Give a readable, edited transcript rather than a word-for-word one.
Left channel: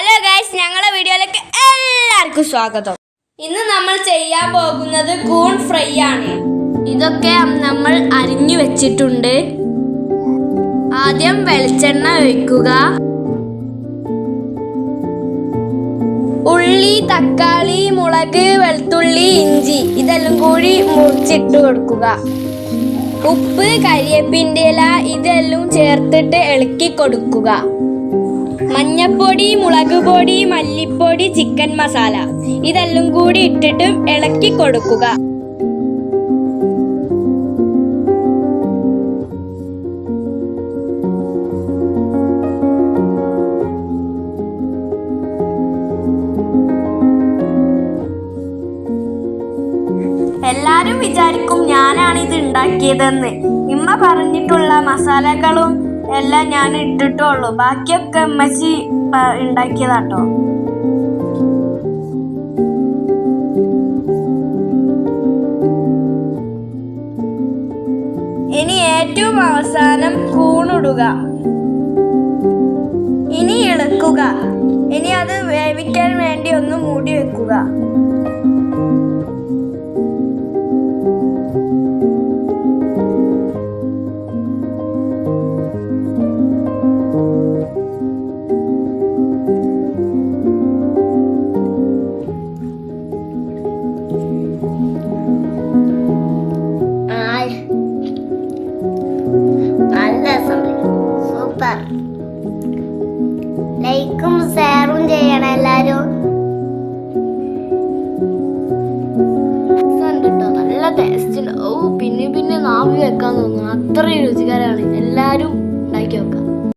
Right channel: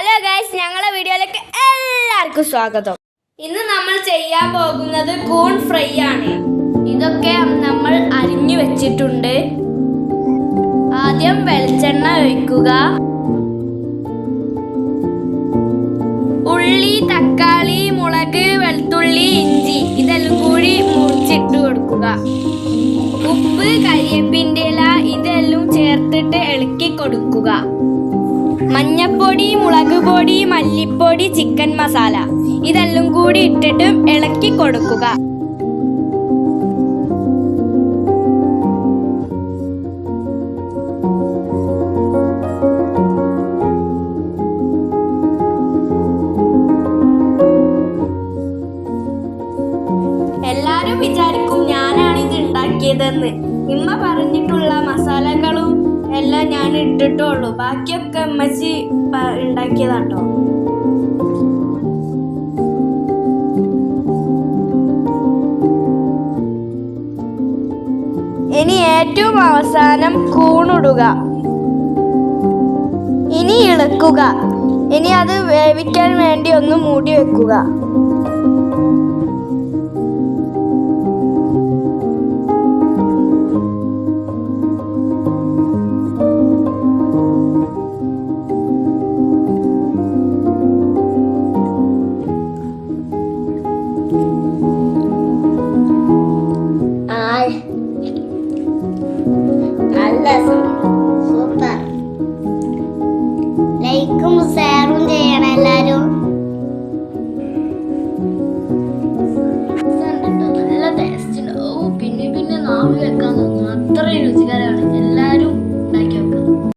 Hello guys, ഞങ്ങളുടെ വീഡിയോയിലേക്ക് എല്ലാവർക്കും സ്വാഗതം. ഇന്ന് നമ്മൾ ചെയ്യാൻ പോകുന്നത് കൂൺ ഫ്രൈ ആണ്. ഇതൊക്കെ നമ്മൾ അരിഞ്ഞു വെച്ചിട്ടുണ്ട്. ആദ്യം വെളിച്ചെണ്ണ ഒഴിക്കുക. ഉള്ളി, തക്കാളി, മുളക്, വെളുത്തുള്ളി, ഇഞ്ചി ഇതെല്ലാം കൂടി മുറിച്ചിട്ട് കൊടുക്കുക. ഉപ്പ്, കരിവേപ്പിൻ്റെ ഇല ഇതെല്ലാം ചേർത്തിട്ട് ഇളക്കി കൊടുക്കുക. മഞ്ഞപ്പൊടി, മുളക് പൊടി, മല്ലിപ്പൊടി, ചിക്കൻ മസാല ഇതെല്ലാം കൂടി ഇട്ടിട്ട് ഇളക്കി കൊടുക്കുക. എല്ലാരും വിചാരിക്കും ഞാനാണിത് ഉണ്ടാക്കിയതെന്ന്. ഇമ്മ പറഞ്ഞിട്ടുള്ള മസാലകളും എല്ലാം ഞാൻ ഇട്ടിട്ടുള്ളൂ, ബാക്കിയൊക്കെ അമ്മച്ചി ഉണ്ടാക്കിയതാട്ടോ. ഇനി ഏറ്റവും അവസാനം കൂണിടുക. ഇനി ഇളക്കുക. ഇനി അത് വേവിക്കാൻ വേണ്ടി ഒന്ന് മൂടി വെക്കുക.